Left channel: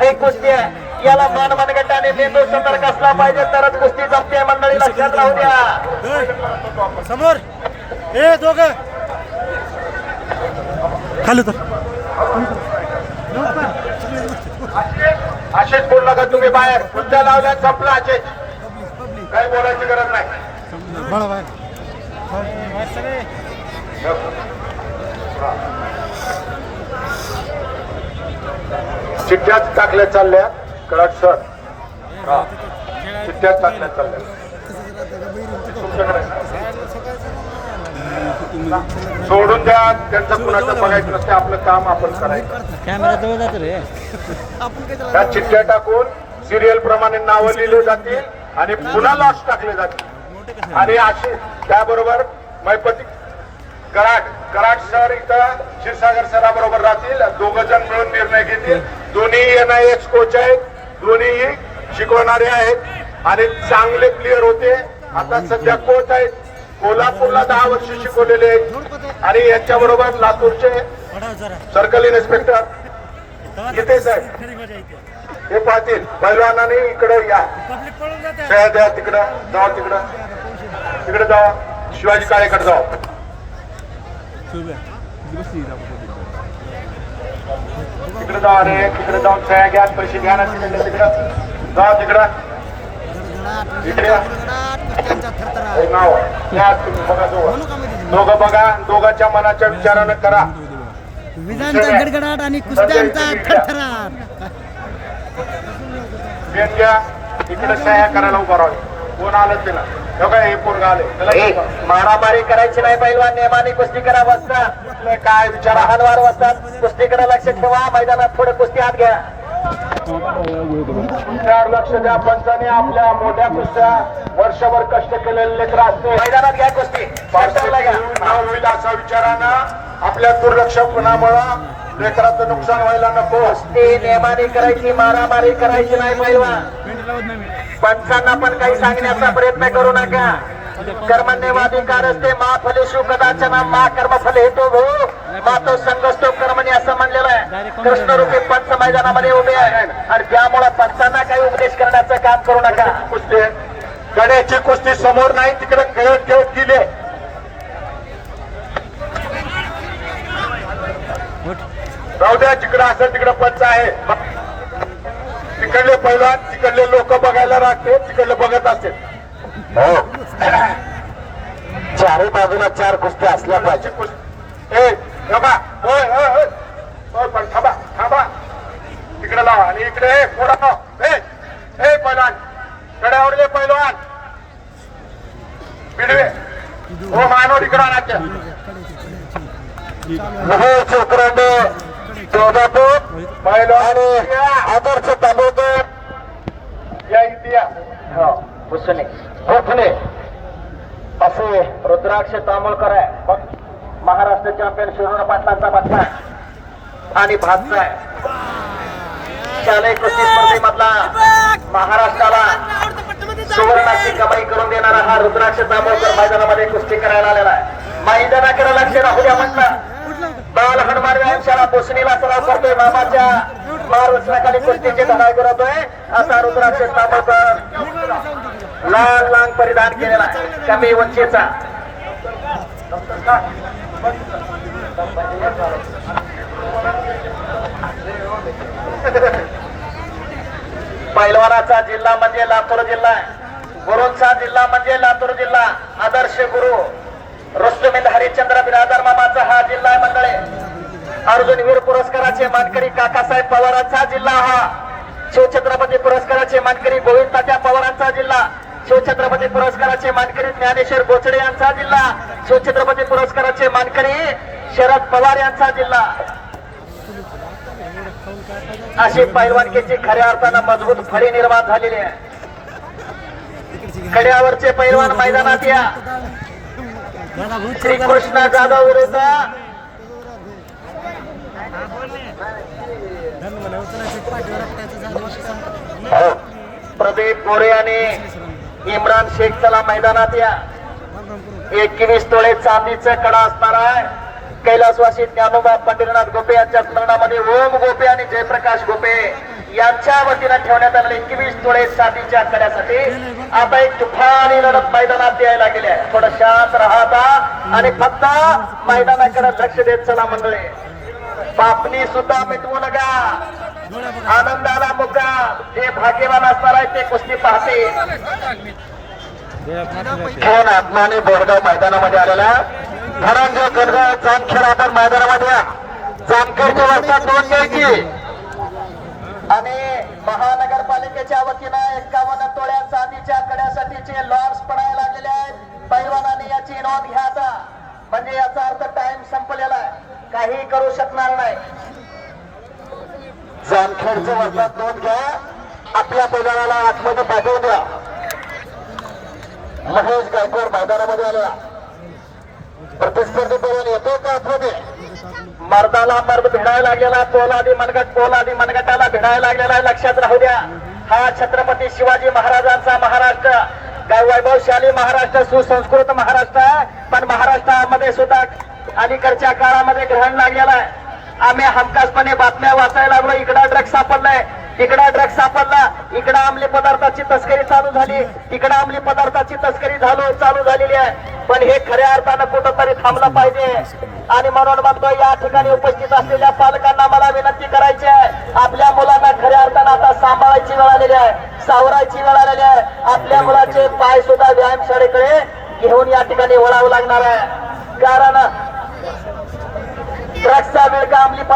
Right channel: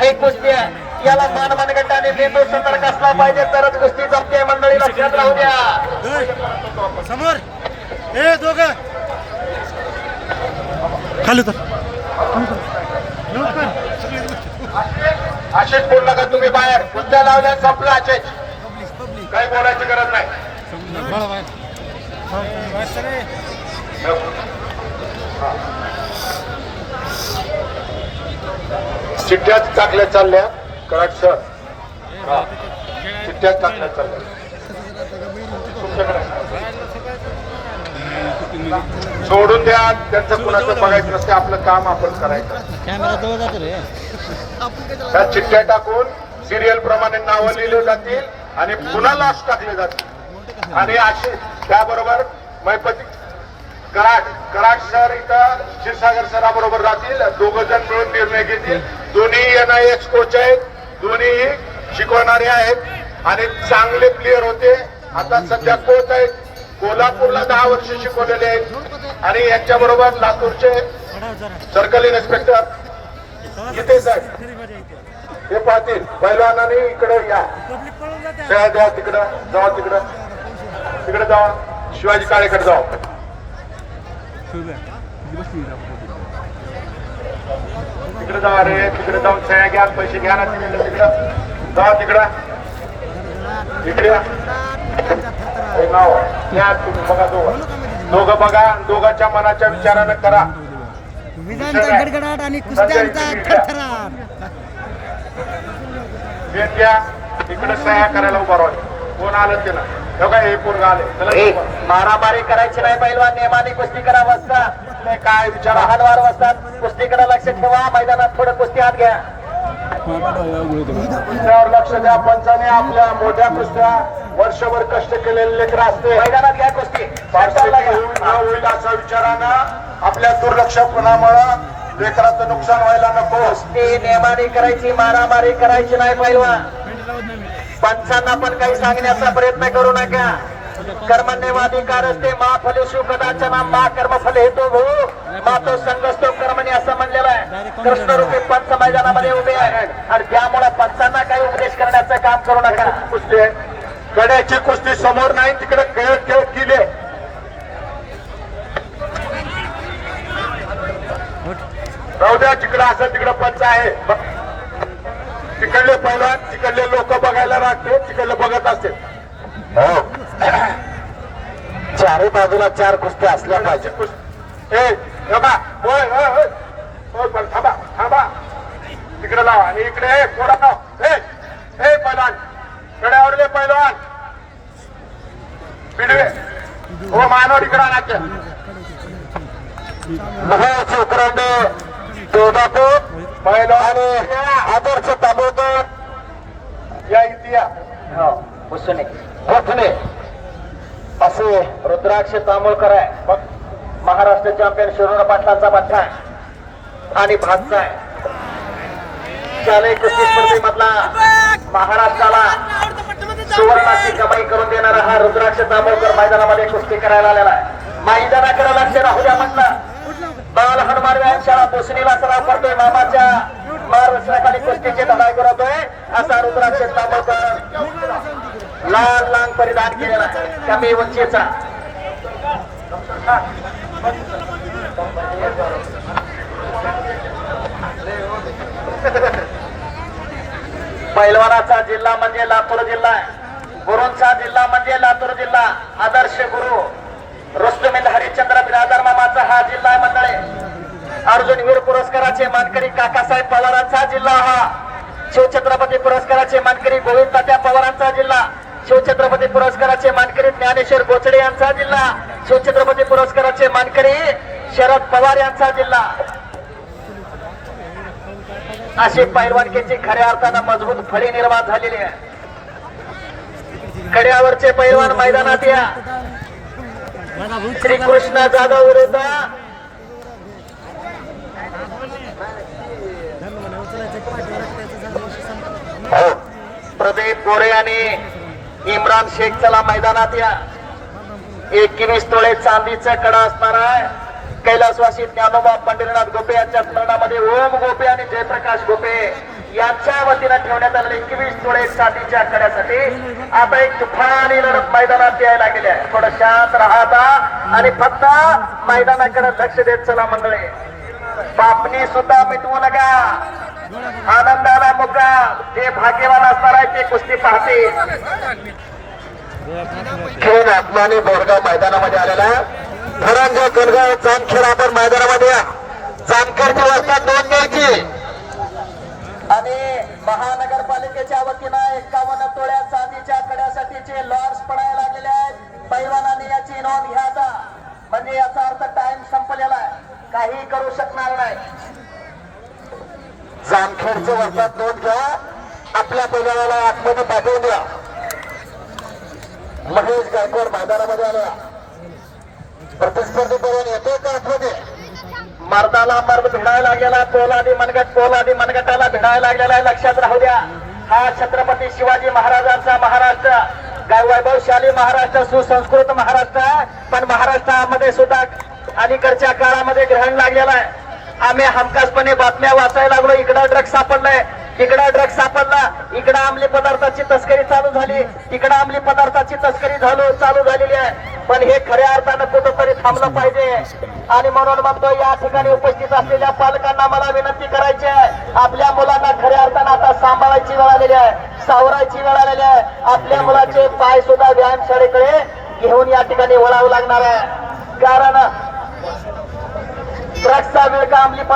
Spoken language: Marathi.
हे कुस्ती आहे. याला मान मनगट आणि मेंदू संपर्क असला पाहिजे तरच कुस्ती जमते मंडळी लक्षात राहू द्या. समोर. हे दोघ. खाली तर असेच बोलू नका तुम्ही बाहेर. कुस्त्या लावल्या संपलं असेच. काही बोलायची गरज नाही. चिठ्ठ्याच टाकल्या चालल्या. कराड सर. हा. चिठ्ठ्याच टाकल्या चालल्या. सोडून द्या. त्यांचं कुणाचं बघायचं नसते. आपलं काम आपण करायचं. त्या चिठ्ठ्या टाकून सिरियल प्रमाणे नावं लिहिले जातील आणि पुन्हा लास्ट टाकले जातील. आणि असे त्याबरोबर मैपती गळाट गळाट सर इथं क्षीरसागर सराबरोबर राहतील. दोघ जण मिळून निर्णय घेतील. दोन्ही एन आय एस कोच आहेत. दोन्हीही शिकवणारे आहेत. आणि चांगले प्लेअर होते. आता सध्या कोच आहेत. कोल्हापूरला दहा वर्ष शिकवलेले आहेत. आणि यांच्या बरोबर लातूरचे सर्कल इन्स्पेक्टर इथेच आहेत हे पाहतील. पैलवानाने इकडे या. सह्या द्या तिकडं जाऊ तिकडं. तिकडे जाऊ शिवाजी काळेकडे जाऊ तिकडे जाऊ अरे तिकडे जाऊन सह्या घ्या पैसे घ्या ना तिकडे तिकडं. जाऊ तिकडं. इकडे. हे नाव या तुम्ही बघा दोघं. दोघं बघा दोघांच्या मनाच्या विचारानं करा. विजांचा गडगडाट आणि कुस्त्यांचा थरथराट. भेट घ्या इकडे सह्या करायला उभा राहू. कोण आलं तिला बघा हे पोरगा आले मारामारी करायची नाही पहिलवान नेमाने कुस्ती करा बसता काय विचार लहानवार वाजतात कुस्तीकडे लक्ष ठेवा मैदानात थोडं कुस्ती हात घ्या. लक्ष द्या पंचाने आपल्या मोठ्या कुस्त्या वर्षभर कष्ट केलेले लेकर असते. मैदानात घ्या कुस्ती. होईल असा विचारानं. आपल्या दुर्लक्षपणामुळं लेकराचं नुकसान व्हायला नको. कुस्ती नेमाने करायची मारामारी करायची नाही पहिलवान पंचांना पण काही सांगण्याचा प्रयत्न करू नका. कर्मण्यवाधिकार असते मा फले शिव कदाचना मा कर्म फले हेतो भो. मा तो संगस्तो कर्मणी असं म्हणलेलं आहे. कृष्णरूपी पंच मैदानामध्ये उभे आहेत. आणि त्यामुळे पंचांना काही उपदेश करण्याचं काम करू नका. कुस्ती गड्याची कुस्ती समोर नाही तिकडे खेळत खेळत दिले राहू द्या तिकडं असं तिकडं पंच आहे. तिकडले पहिला तिकडले लोक बघायला राहते तिकडले बघत असते. हो चारही बाजूला चार कुस्त्या असल्या पाहिजे. ए थांबा. होय होय होय. होय, पण थांबा थांबा. तिकडे लावा आणि इकडे ए पुढं लाव. ए ए पहिलवान कड्यावरले पहिलवान पिडवे हो मानव तिकडं आणा आदर्श तांबोकर या इतिहास भुसणे भुसणे असे रुद्राक्ष तांबोळकर आहे. महाराष्ट्र चॅम्पियन शिरोड पाटलांचा बच्चा आणि भातचा आहे. शालेय कुस्ती स्पर्धेमधला महाराष्ट्राला सुवर्णाची कमाई करून देणारा हा रुद्राक्ष तांबोळकर मैदानामध्ये कुस्ती करायला आलेला आहे. मैदानाकडे लक्ष राहू द्या म्हटलं. बाल हनुमान व्यायामशाळा बोसणीला सराव करतोय मामाच्या मार्गदर्शनाखाली कुस्तीचे धडाई करतोय असा रुद्राक्ष तांबोळकर लाल लांग परिधान केलेला कमी उंचीचा. पैलवानाचा जिल्हा म्हणजे लातूर जिल्हा गुरुंचा जिल्हा म्हणजे लातूर जिल्हा. आदर्श गुरु. रुस्तुमिल हरिश्चंद्र बिरादर मामाचा हा जिल्हा मंडळे. अर्जुन वीर पुरस्काराचे मानकरी काकासाहेब पवारांचा जिल्हा हा. शिवछत्रपती पुरस्काराचे मानकरी गोविंद तात्या पवारांचा जिल्हा. शिवछत्रपती पुरस्काराचे मानकरी ज्ञानेश्वर बोचडे यांचा जिल्हा. शिवछत्रपती पुरस्काराचे मानकरी शरद पवार यांचा जिल्हा. अशी पैलवानकीची खऱ्या अर्थानं मजबूत फळी निर्माण झालेली आहे. कड्यावरचे पैलवान मैदानात या. कृष्ण जाधव विरुद्ध. हो. प्रदीप गोरे आणि इम्रान शेख चला मैदानात या. एकवीस तोळे चांदीचं कडा असणार आहे. कैलासवासी ज्ञानोबा पंढरीनाथ गोपे यांच्या स्मरणामध्ये ओम गोपे आणि जयप्रकाश गोपे. याच्या वतीने ठेवण्यात आलेले एकवीस जोडे चांदीच्या करण्यासाठी आता एक तुफानी लढत मैदानात यायला गेली आहे. थोडं शांत राहता आणि फक्त मैदानाकडे लक्ष देत चला मंडळी. बापणी सुद्धा मिटवू नका. आनंदाला मुका. जे भाग्यवान असणार आहे ते कुस्ती पाहते खेळ आत्माने बोरगाव मैदानामध्ये आलेला धरणगाव कणगाव जामखेड आपण मैदानामध्ये या. जामखेडच्या वाजता दोन पैकी आणि महानगरपालिकेच्या वतीनं एकावन्न तोळ्या चांदीच्या कड्यासाठीचे लॉर्ड्स पडायला लागलेले आहेत. पैलवानांनी याची नोंद घ्यायचा म्हणजे याचा अर्थ टाइम संपलेला आहे. काही करू शकणार नाही. जामखेडचं वर्षात नोंद घ्या. आपल्या पैलवानाला आतमध्ये पाठवू द्या. महेश गायकवाड मैदानामध्ये आलेला. प्रतिस्पर्धी पैलवान येतोय का आतमध्ये? मर्दाला मर्द भिडायला गेला पोलादी मनगट पोलादी मनगटाला भिडायला गेला लक्षात राहू द्या. हा छत्रपती शिवाजी महाराजांचा महाराष्ट्र. काय वैभवशाली महाराष्ट्र सुसंस्कृत महाराष्ट्र आहे. पण महाराष्ट्रामध्ये सुद्धा अलीकडच्या काळामध्ये ग्रहण लागलेला आहे. आम्ही हमखासपणे बातम्या वाचायला लागलो इकडं ड्रग्स सापडलाय. तिकडं ड्रग्ज सापडला इकडं अंमली पदार्थाची तस्करी चालू झाली तिकडं अंमली पदार्थाची तस्करी झालो चालू झालेली आहे. पण हे खऱ्या अर्थानं कुठंतरी थांबलं पाहिजे. आणि म्हणून म्हणतो या ठिकाणी उपस्थित असलेल्या पालकांना मला विनंती करायची आहे. आपल्या मुलांना खऱ्या अर्थानं आता सांभाळायची वेळ आलेली आहे सावरायची वेळ आलेली आहे. आपल्या मुलाचे पाय सुद्धा व्यायामशाळेकडे घेऊन या ठिकाणी वळावं लागणार आहे. कारण ड्रग्सचा वेळ का अंमली पदार्थ